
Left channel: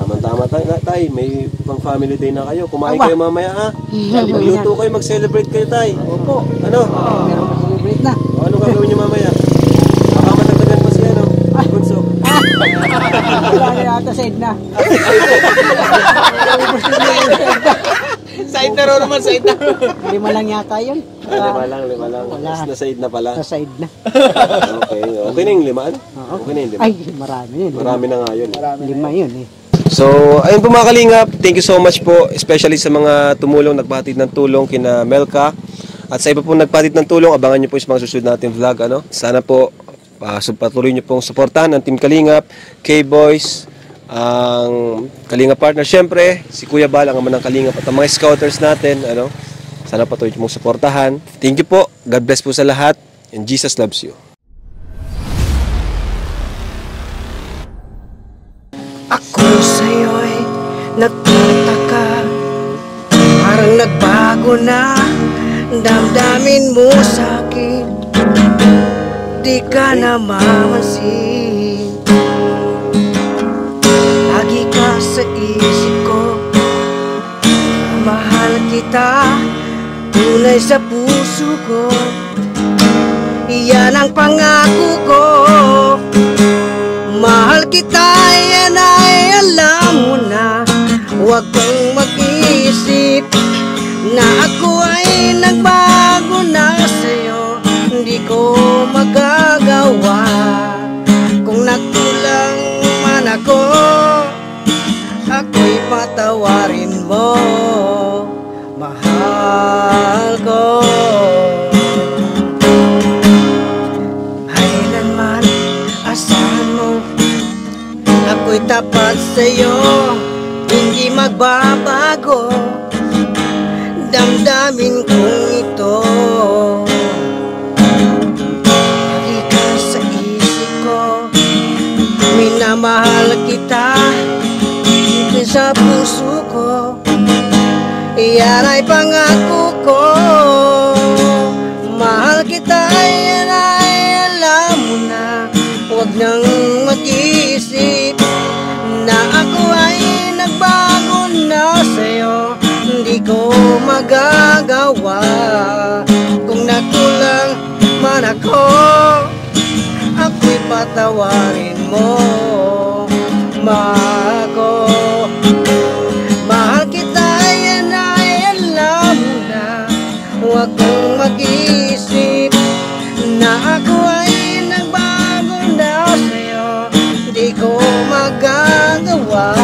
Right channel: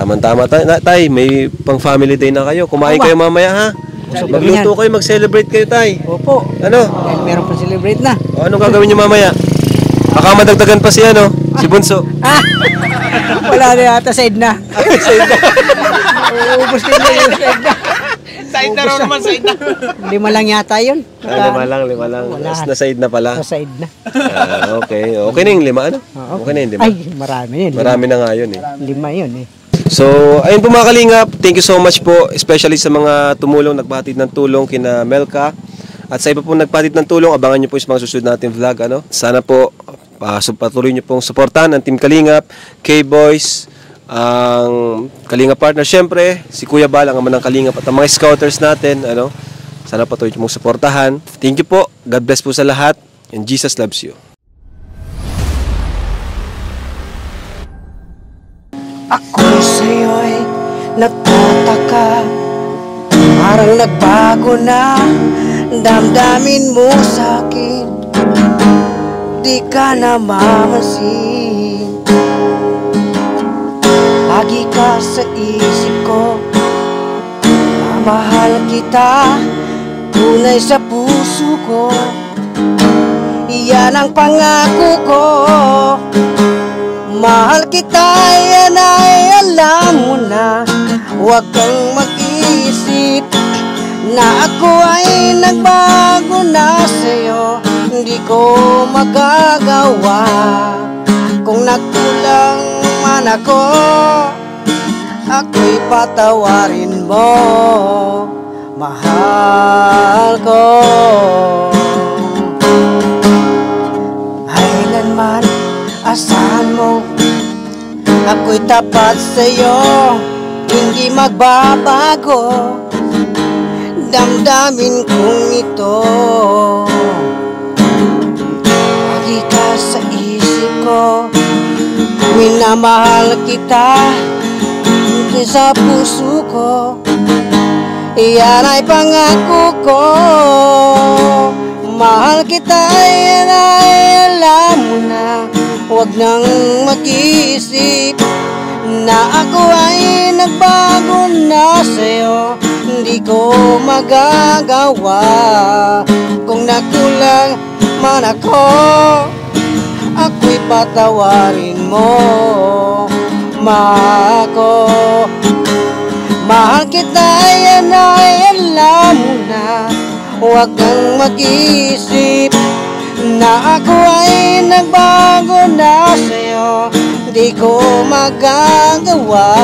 Tama-tama tay, may pang-family day na kayo. Kumain kayo mamaya ha. Magluto kayo, mag-celebrate kayo tay. Opo. Ano? Meron pa celebrate na. O, anong gagawin niyo mamaya? Baka madagdagan pa si si Bunso. Wala na yata sa Edna. Ubus din na yung sa Edna. Side na raw naman, side na. 5 lang yata yun. 5 lang. Nasa na pala. Sa Edna. Okay. Okay na yung 5, ano? Okay na yung 5. Ay, marami yun. Marami na nga yun eh. 5 yun eh. So, ayun po mga kalingap. Thank you so much po. Especially sa mga tumulong, nagpatid ng tulong kina Melka. At sa iba po nagpatid ng tulong, abangan nyo po yung mga susunod natin vlog. Ano? Sana po, patuloy nyo pong supportan ang Team Kalingap, K-Boys, ang Kalingap Partner. Siyempre, si Kuya Bal, ang ama ng Kalingap at ang mga scouters natin. Ano? Sana patuloy nyo pong supportahan. Thank you po. God bless po sa lahat. And Jesus loves you. Ako'y sa'yo'y nagtataka, parang nagbago na damdamin mo sa'kin, di ka na mamansin. Lagi ka sa isip ko, mahal kita, tunay sa puso ko, yan ang pangako ko. Mahal kita, yan ay alam mo na, huwag kang mag-isip na ako ay nagbago na sa'yo, hindi ko magagawa. Kung nagkulang man ako, ako'y patawarin mo, mahal ko. Kailanman asahan mo, ako'y tapat sa'yo, hindi magbabago damdamin kong ito. Lagi ka sa isip ko, minamahal kita, hindi sa puso ko, yan ay pangako ko. Mahal kita, yan ay alam mo na, huwag nang mag-isip na ako ay nagbago na sa'yo, hindi ko magagawa. Kung nakulang man ako, ako'y patawarin mo, mahal ko. Mahal kita, yan ay alam mo na, huwag kang mag-isip na ako ay nagbago na sa'yo, di ko magagawa.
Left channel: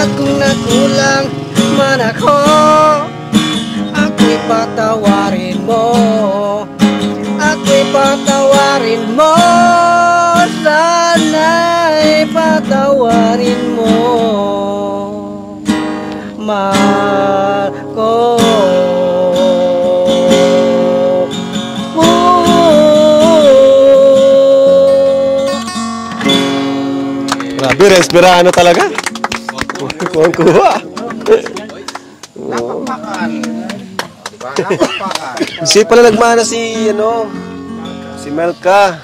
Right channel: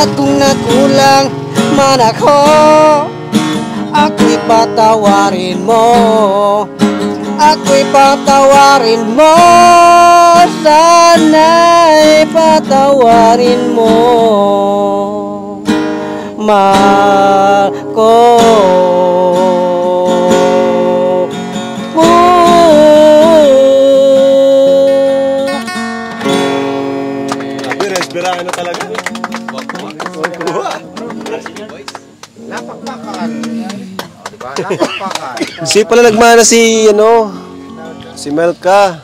At kung nakulang man ako, ako'y patawarin mo, ako'y patawarin mo, sana'y patawarin mo, mahal ko. Grabe, respirano talaga. Kuha. Napakpakan. Diba? Napakpakan. Si pala nagmana si Melka.